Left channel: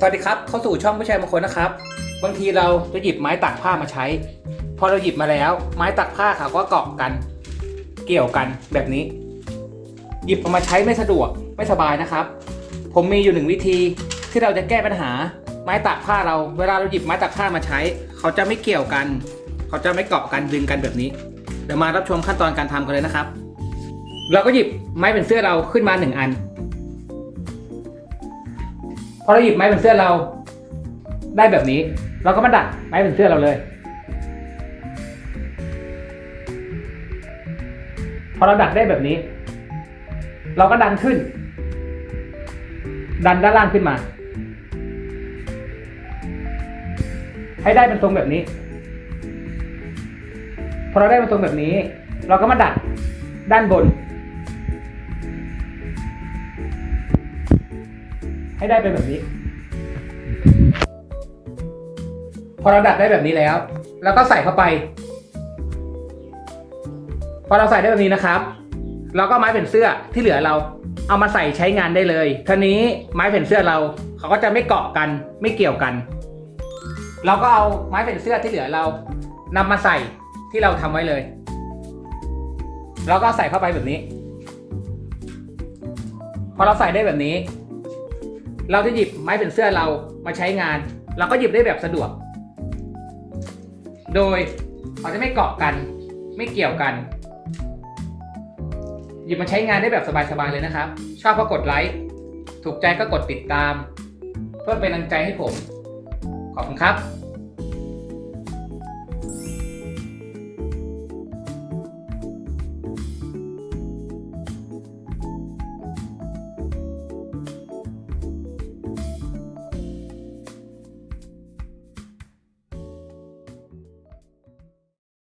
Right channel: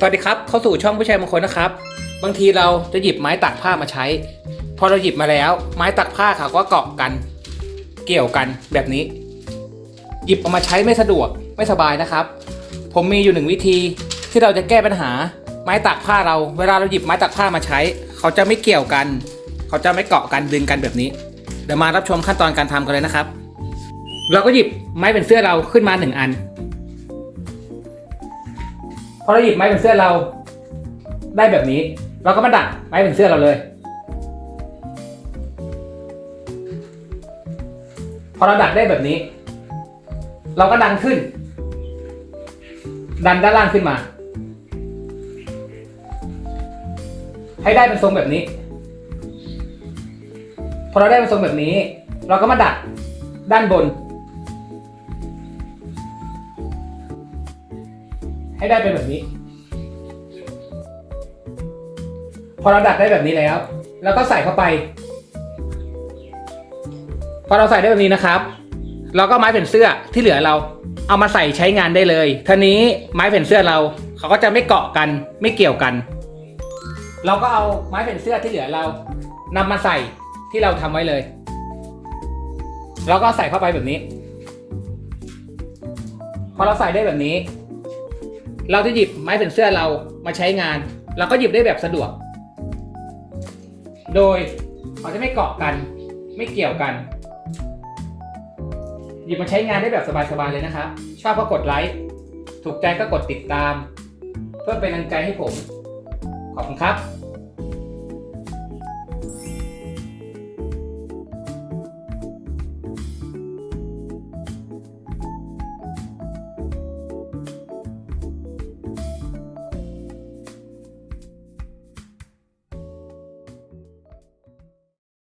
สวัสดีครับ เข้าสู่ช่องผู้ชายมงคลนะครับ บางทีเราจะหยิบไม้ตักผ้ามาใช้ พอเราหยิบมาแล้ว ไม้ตักผ้าเขาก็เกาะกัน เกี่ยวกันแบบนี้ หยิบออกมาใช้ไม่สะดวกไม่สบายนะครับ ผมมีอยู่หนึ่งวิธีที่เราจะแก้ปัญหาไม้ตักผ้าเรา เวลาเราหยิบไม้ตักผ้ามาใช้ เขาจะไม่เกี่ยวกัน เขาจะไม่เกาะกันดึงกันแบบนี้ เดี๋ยวมารับชมขั้นตอนการทำกันเลยนะครับ เราก็หยิบไม้เป็นเสื้อเราขึ้นมาหนึ่งอัน อเราหยิบไม้เป็นเสื้อเรา ได้แบบนี้ เราก็มาดัดไม้เป็นเสื้อเราเลย พอเราดัดได้แบบนี้ เราก็ดันขึ้น ดันด้านล่างขึ้นมา ให้ได้เป็นทรงแบบนี้ พอเราได้เป็นทรงแบบนี้ เราก็มาดัดด้านบน ให้ได้เป็นแบบนี้ พอเราดัดได้แบบนี้แล้วเราก็ใส่เข้าไป พอเราใส่ได้แบบนี้นะครับเราก็ไม้เป็นเสื้อที่เหลือเราเอามาใส่ใช้งานได้เลยทีนี้ไม้เป็นเสื้อเราเขาก็จะไม่เกาะกันไม่เกี่ยวกัน เราก็เอาไม้เป็นเสื้อที่เหลือเรานำมาใส่ที่เราทำไว้เลยเราก็ใส่เข้าไปแบบนี้ พอเราใส่ได้แบบนี้ เราจะหยิบไม้เป็นเสื้อเรามาใช้งาน เราก็หยิบได้แบบสะดวก โดยเขาจะไม่เกาะกัน ไม่เกี่ยวกัน หยิบมาใช้งานได้แบบสบายๆเลยนะครับ ชอบก็กดไลค์ถูกใจก็กดติดตาม เพื่อเป็นกำลังใจให้ผม ขอบคุณครับ